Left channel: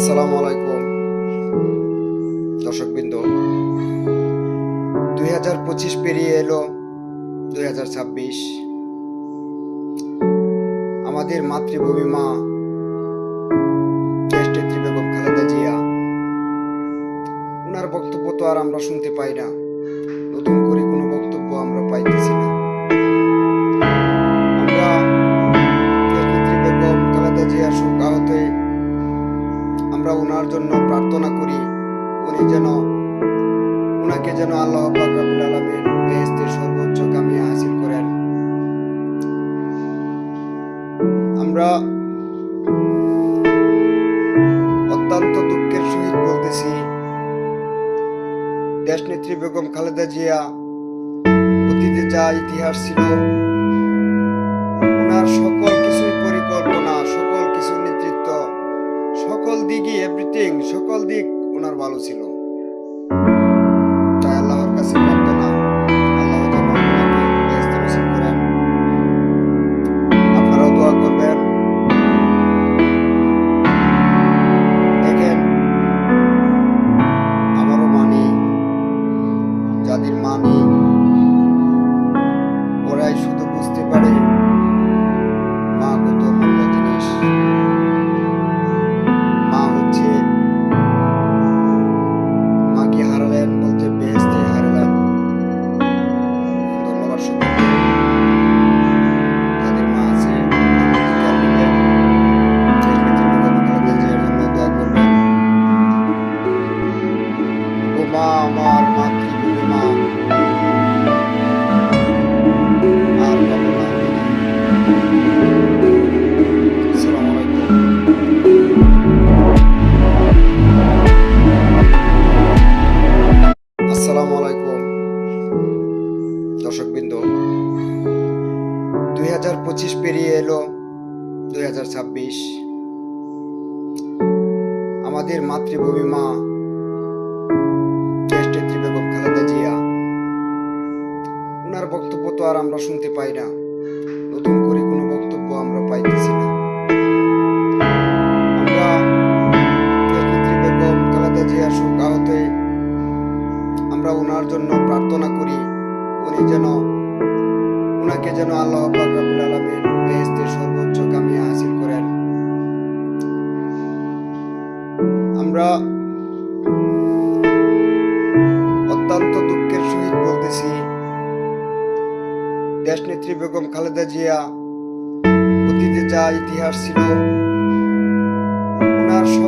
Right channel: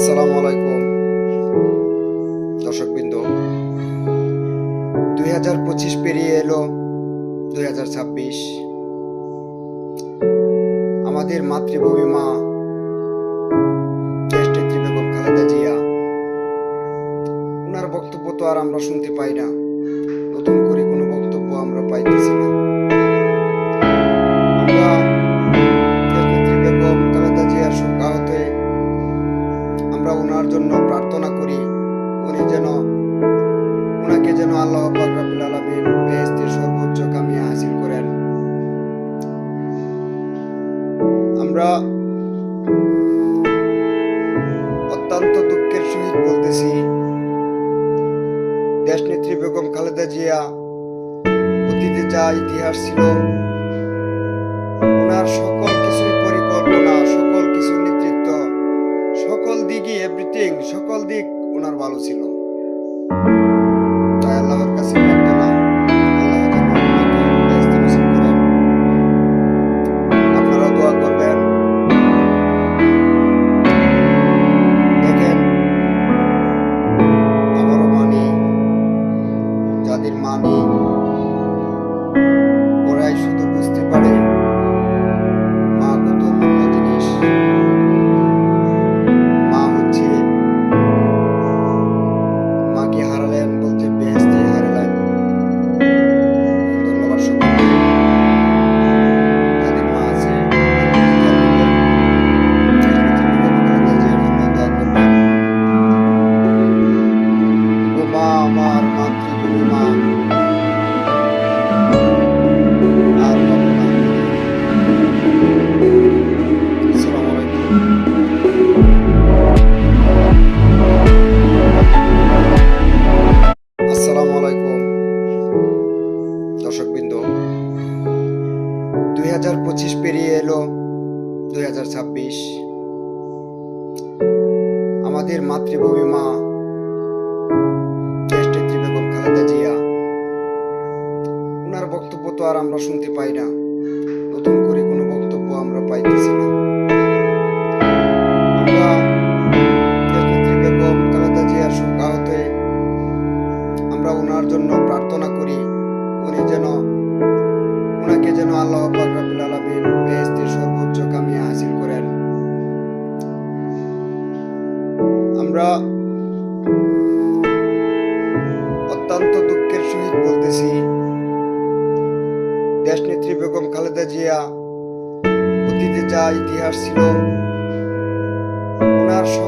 আসসালামু আলাইকুম দর্শকবৃন্দ। 2025 পেরিয়ে এলো 2026। আমাদের মাতৃভূমি মা দেশনেত্রী বেগম খালেদা জিয়া, ওনার বক্তব্য তো আর আমরা শুনতে পাই না। নতুন করে কোনো বক্তব্য আমরা পাইতেছি না। আমরা দেশনেত্রী বেগম খালেদা জিয়ার সুখাহতে আমরা ওনার জন্য প্রার্থনা করি, উনাকে যেন আল্লাহ পাক রব্বুল আলামিন বেহেশতের সর্বোচ্চ কামিয়া হাসিল করেন। আমরা অত্যন্ত দুঃখের সহিত বলতেছি, দেশনেত্রী বেগম খালেদা জিয়া অতীতে যা ইতিহাস ছিল, ওনার সকল কিছুই পরিকল্পনা, সকল কিছু নেতৃত্ব, সকল দিকই সকল দিক ওনার ভালো ছিল। তাই আল্লাহর কাছে প্রার্থনা, আল্লাহ যেন ওনাকে বেহেশত নসিব করেন। আপনারাও দোয়া করবেন। দেখেন, আমারও মানি, যাদের মানি ওরাই শুধু বুঝতে পারে মা কত অমূল্য জিনিস। মা হচ্ছে, মাকে হারালেন বলতে বেহেশতে হারালেন। ধন্যবাদ সকলকে। যাদের মা আছে দেশনেত্রী বেগম খালেদা জিয়ার জন্য দোয়া করবেন। ও মা, আমার মাতৃভূমি মা, আর পাবো না ফিরে। আসসালামু আলাইকুম। আসসালামু আলাইকুম দর্শকবৃন্দ। 2025 পেরিয়ে এলো 2026। আমাদের মাতৃভূমি মা দেশনেত্রী বেগম খালেদা জিয়া, ওনার বক্তব্য তো আর আমরা শুনতে পাই না। নতুন করে কোনো বক্তব্য আমরা পাইতেছি না। আমরা দেশনেত্রী বেগম খালেদা জিয়ার সুখাহতে আমরা ওনার জন্য প্রার্থনা করি, উনাকে যেন আল্লাহ পাক রব্বুল আলামিন বেহেশতের সর্বোচ্চ কামিয়া হাসিল করেন। আমরা অত্যন্ত দুঃখের সহিত বলতেছি, দেশনেত্রী বেগম খালেদা জিয়া অতীতে যা ইতিহাস ছিল, ওনার